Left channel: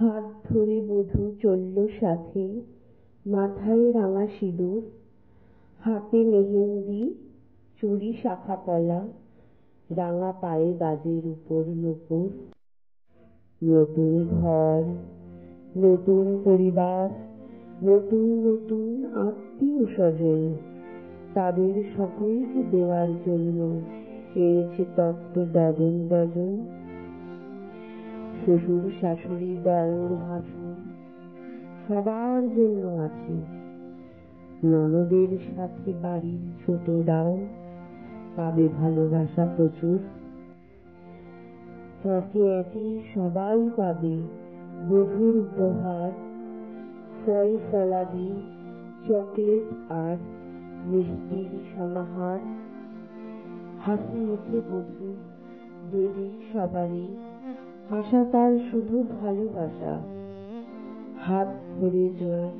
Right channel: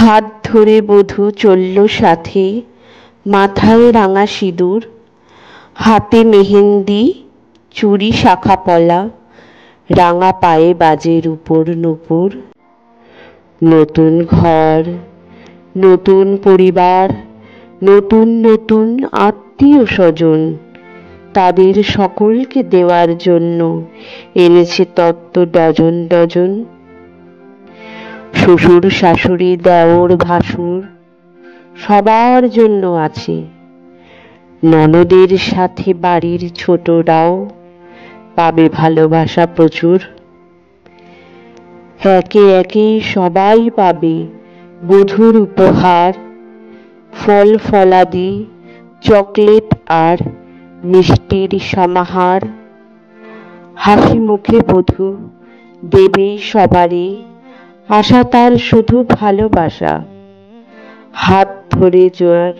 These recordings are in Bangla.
হাত ধরে বধূ চলল সাথে, মাথায় রাঙা সিঁদুর, হাতে মেহেন্দি, চুড়ি শাখা পলা, রাঙা পায়ে বাজে রূপোর নূপুর। নতুন ঘর, নতুন পরিবার, নতুন নতুন আত্মীয় স্বজন, তাদের সকলকে দেওয়ার জন্য এনেছে তত্ত্ব ডজন ডজন। শ্বশুর শাশুড়ি দেওর ভাসুর সবার জন্য আছে, ননদের সাথে বাড়ির ছোটরাও পাবে ভালোবাসা প্রচুর। একে একে সবাই পাবে বধূর উপহার, ফল ফলাদি, চকলেট আর মিষ্টির সমাহার। হাসি মুখে বধূ দেবে সবারে, আশা তার শুধু ভালোবাসা। হাত ধরে যার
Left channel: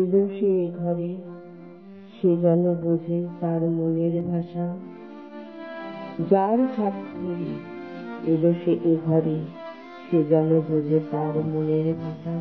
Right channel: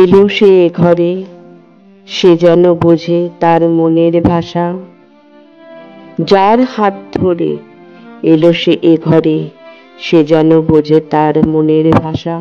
এলো সে এ ঘরে, সে যেন বোঝে তার মনের ভাষা। যার হাত ধরে এলো সে এ ঘরে, সে যেন বোঝে তার মনের ভাষা।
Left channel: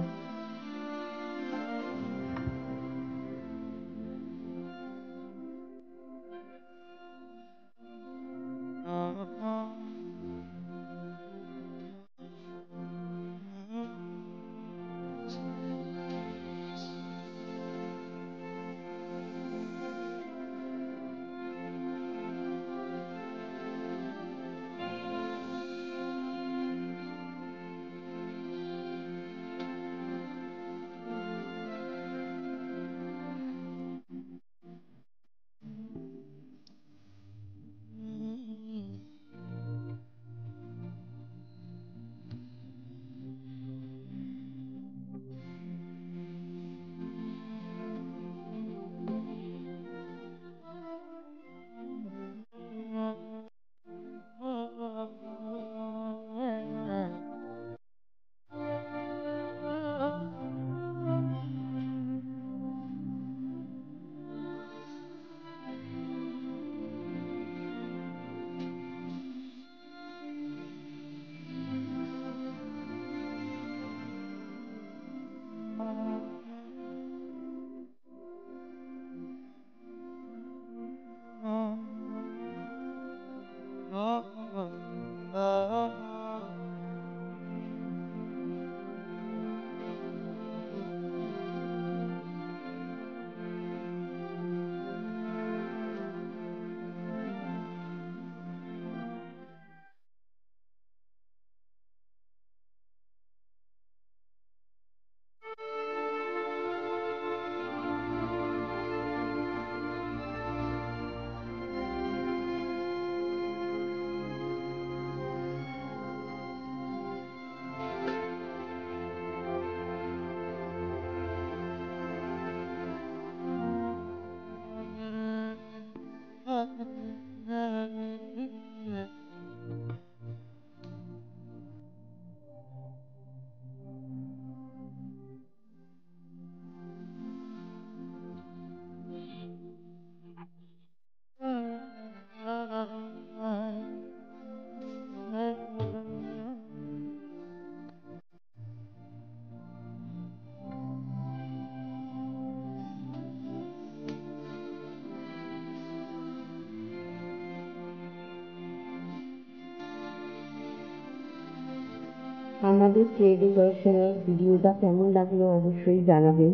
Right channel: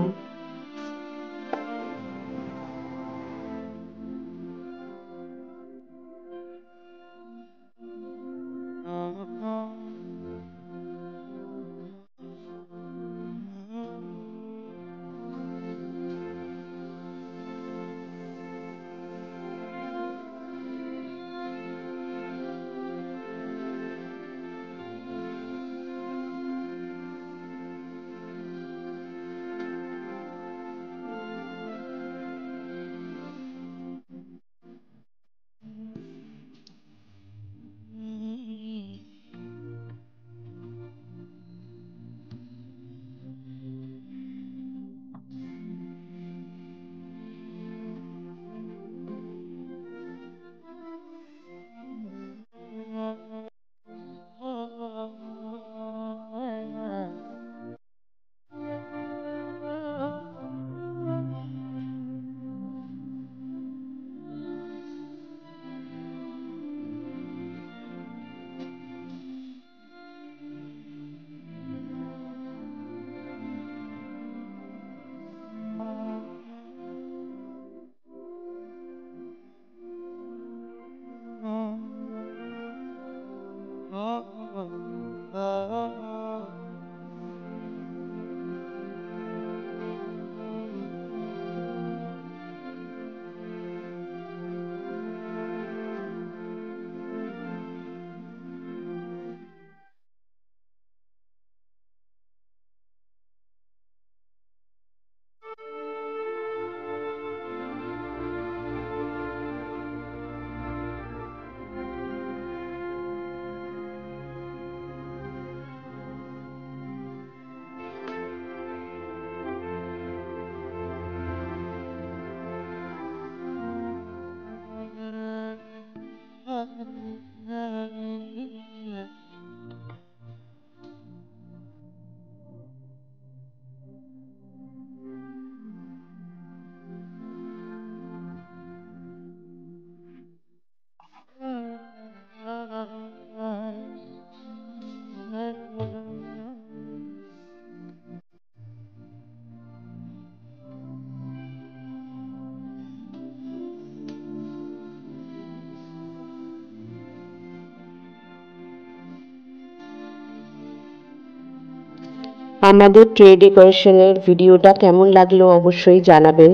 আমাদের ট্রে ডেকোরেশনের ভিডিওটা কেমন লাগলো অবশ্যই জানাবেন।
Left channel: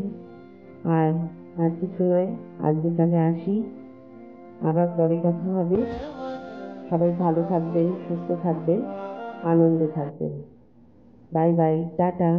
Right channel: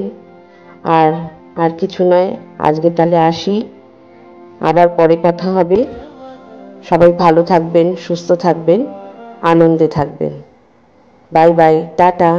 আর কিছু নয়, আজকে তাহলে আসি, আবার পরে কথা হবে। সবাই ভালো থাকবেন, সুস্থ থাকবেন, আনন্দে থাকবেন। Bye bye, tata.